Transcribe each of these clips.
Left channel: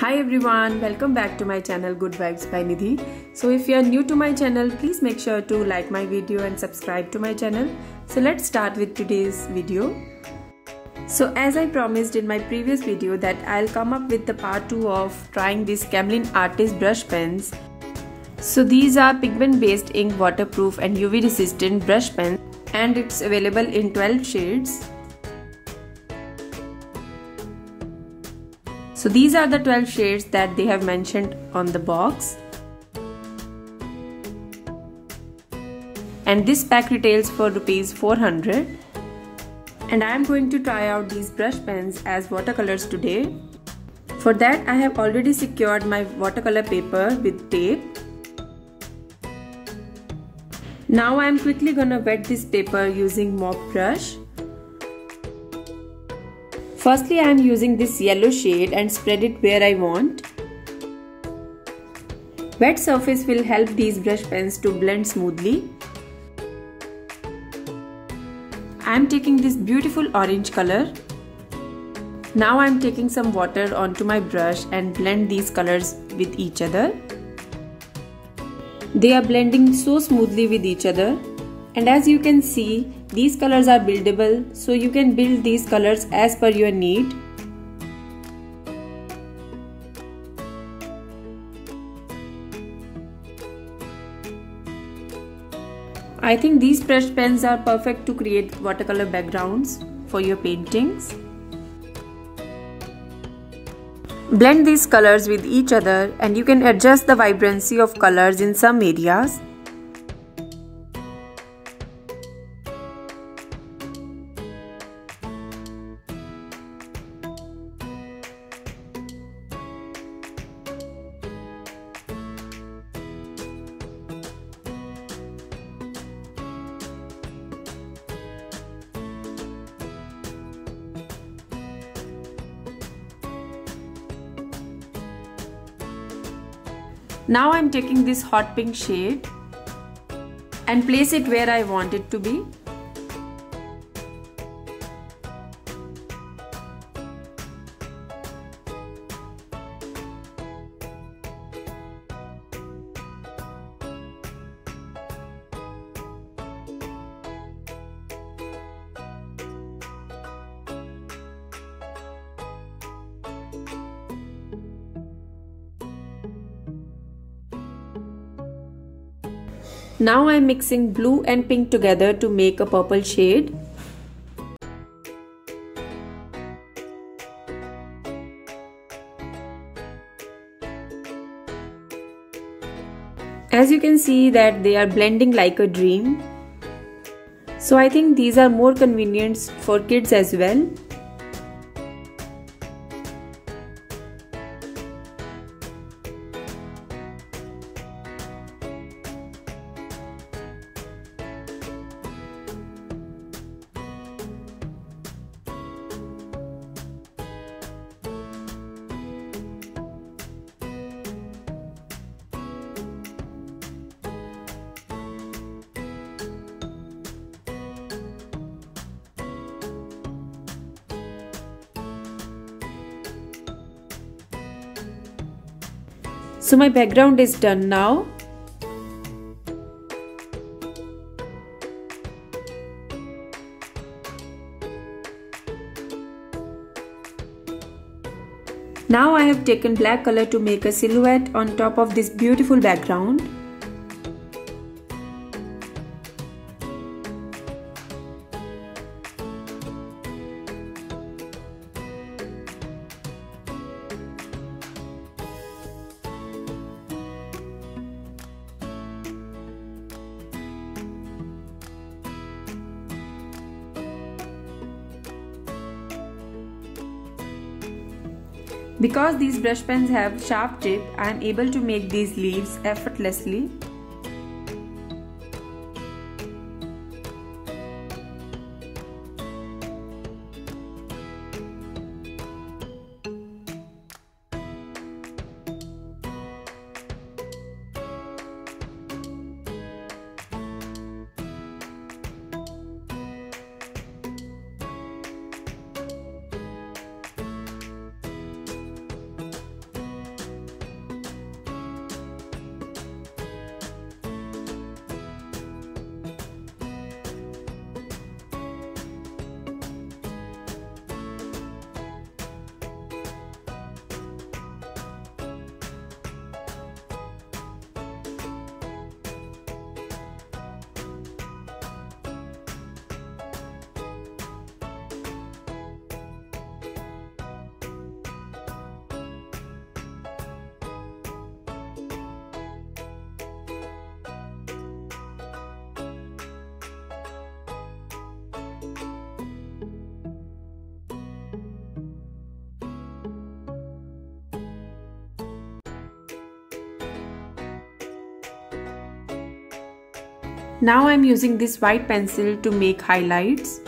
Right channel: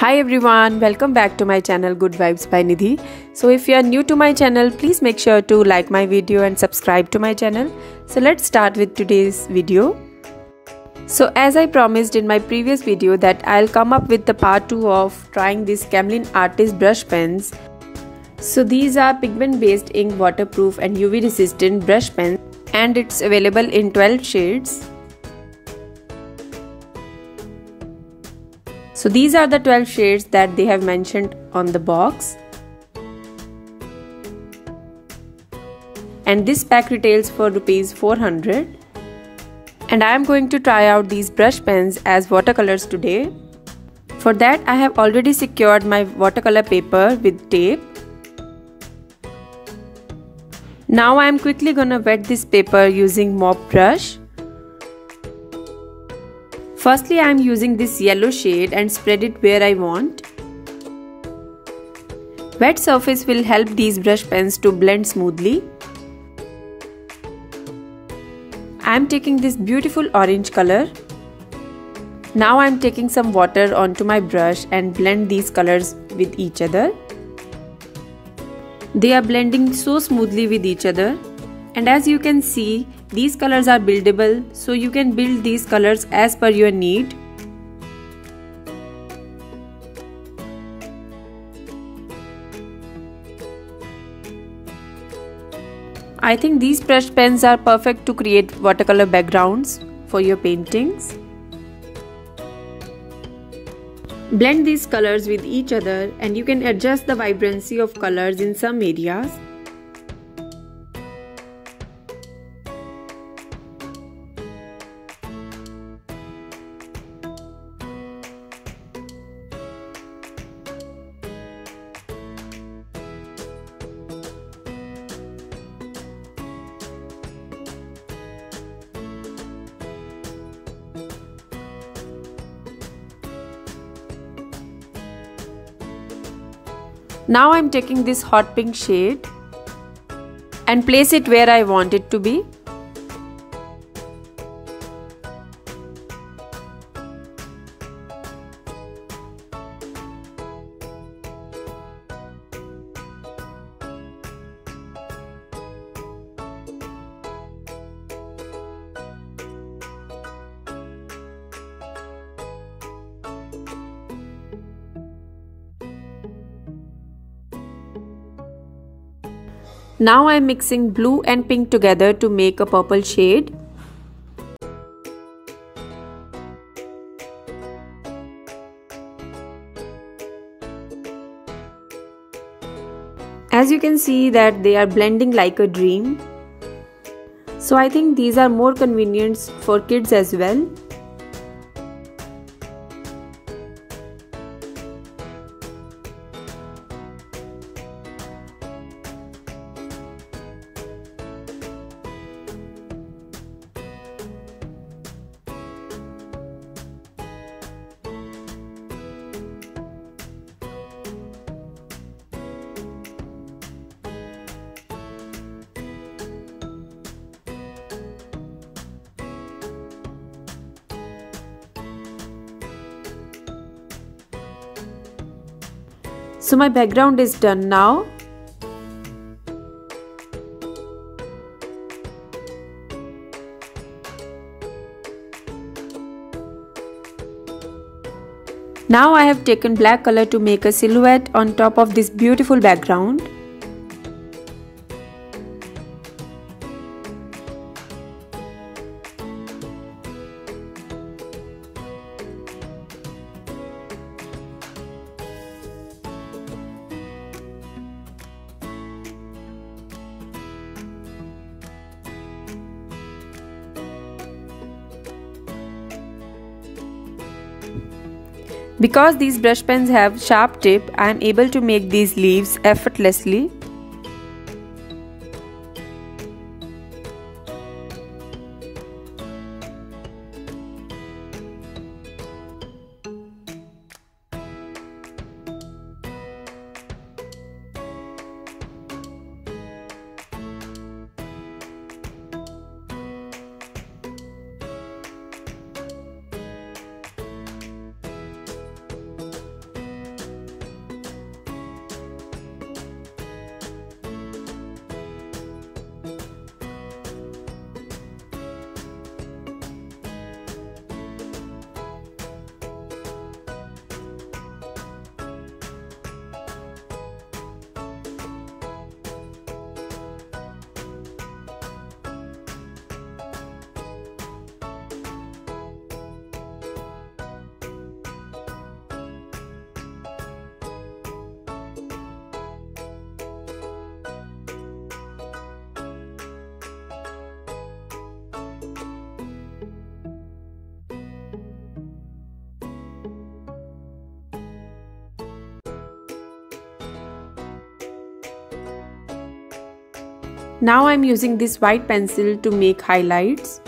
Hi everyone, welcome back to my channel Goodvibes by Nidhi. So if you are new to my channel, please make sure to like my video and subscribe to my channel. So let's start with today's video. So as I promised in my previous video that I'll come up with the part 2 of trying these Camlin artist brush pens. So these are pigment based ink waterproof and UV resistant brush pens and it's available in 12 shades. So these are the 12 shades that they have mentioned on the box. And this pack retails for rupees 400. And I am going to try out these brush pens as watercolors today. For that I have already secured my watercolor paper with tape. Now I am quickly gonna wet this paper using mop brush. Firstly, I am using this yellow shade and spread it where I want. Wet surface will help these brush pens to blend smoothly. I am taking this beautiful orange color. Now I am taking some water onto my brush and blend these colors with each other. They are blending so smoothly with each other. And as you can see, these colors are buildable, so you can build these colors as per your need. I think these brush pens are perfect to create watercolor backgrounds for your paintings. Blend these colors with each other and you can adjust the vibrancy of colors in some areas. Now I am taking this hot pink shade and place it where I want it to be. Now I am mixing blue and pink together to make a purple shade. As you can see that they are blending like a dream. So I think these are more convenient for kids as well. So my background is done now. Now I have taken black color to make a silhouette on top of this beautiful background. Because these brush pens have sharp tip, I am able to make these leaves effortlessly. Now I'm using this white pencil to make highlights.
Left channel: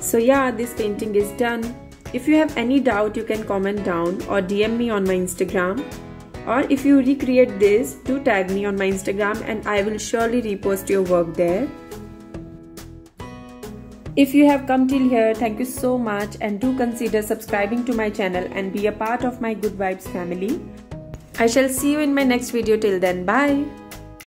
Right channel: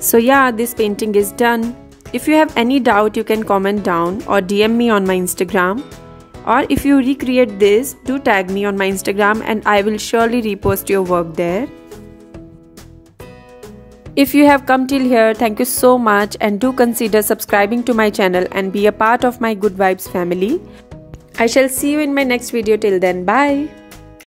So yeah, this painting is done. If you have any doubt, you can comment down or DM me on my Instagram. Or if you recreate this, do tag me on my Instagram and I will surely repost your work there. If you have come till here, thank you so much, and do consider subscribing to my channel and be a part of my Good Vibes family. I shall see you in my next video. Till then, bye.